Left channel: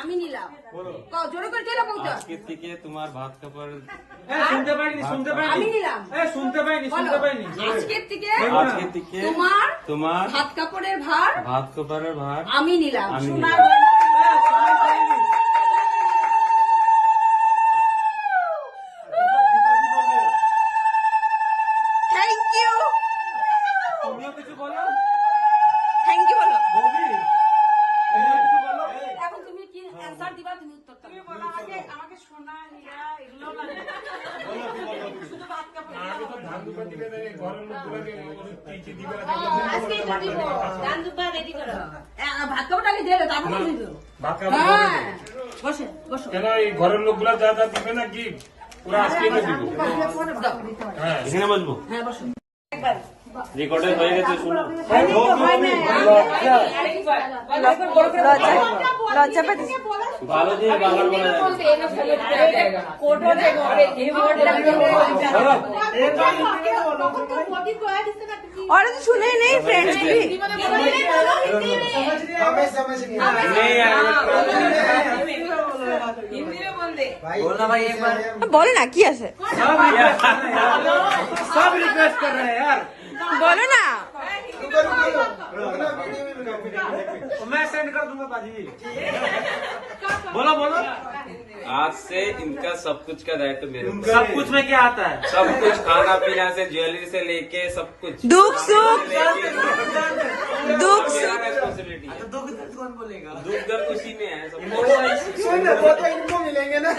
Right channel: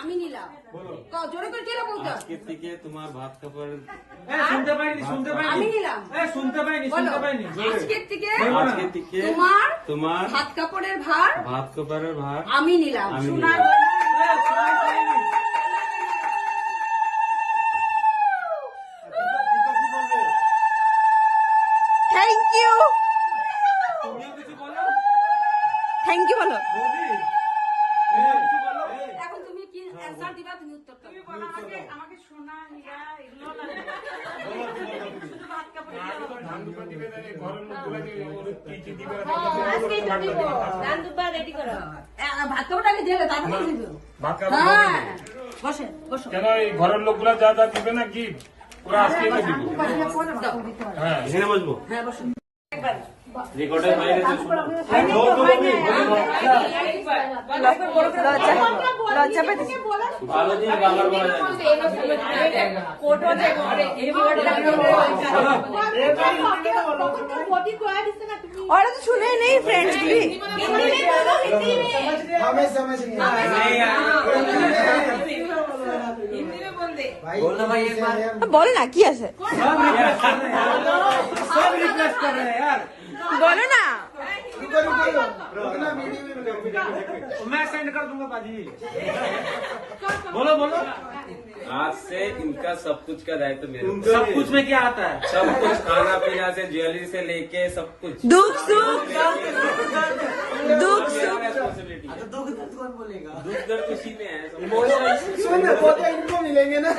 আমি নিলাম। জোরে করে খেলো বলতো। আজকে থেকে তোমার ভাত কাপড় শুনতে পাইনি আমি নিলাম। শুনতে পাইনি আজকের থেকে তোমার ভাত কাপড়ের ভার আমি নিলাম। Thank you. তুমিও কিছু বলো। থ্যাংক ইউ বলো। বৌদি কিছু বলো। এখন তুমি কি অ্যানসার দিবা, তুমি উত্তরটা দাও। আমাকে সোনা নীলা এগুলো লাগে শুধু ভাত কাপড় ভাত কাপড়টা আগে দিয়ে তারপরে দিয়ে দেবো। হ্যাঁ বসে বসো। ঘরের লোকগুলো যা যা দিবে না গিফট আজকে দিবি। এখানে বসবো। হ্যাঁ বসো। রেকর্ডার হয়ে গেছে, শুনো। লজ্জা পেতেছি। ভালো দিয়ে গালা বলা যায়। ওরা তো শুনে নেই ফ্রেন্ডস গুলি। বলো না কি আছে, सब रिक्वेस्ट कर रहे हैं यार। বলো না। मैं सेंड कर दूंगा पाजी। बोलो बोलो। आज से इनका सब कुछ का दायित्व मेरे ऊपर। सब कुछ में क्या आता है? सब कुछ, खाना पीना से ज्वेलरी से लेके सब कुछ। दुख सुख दुख सुख रिस्पॉन्सिबिलिटी। दुख दर्द कौन बोलेगा? दुख दर्द किसी में है, सब मिलेंगे ना।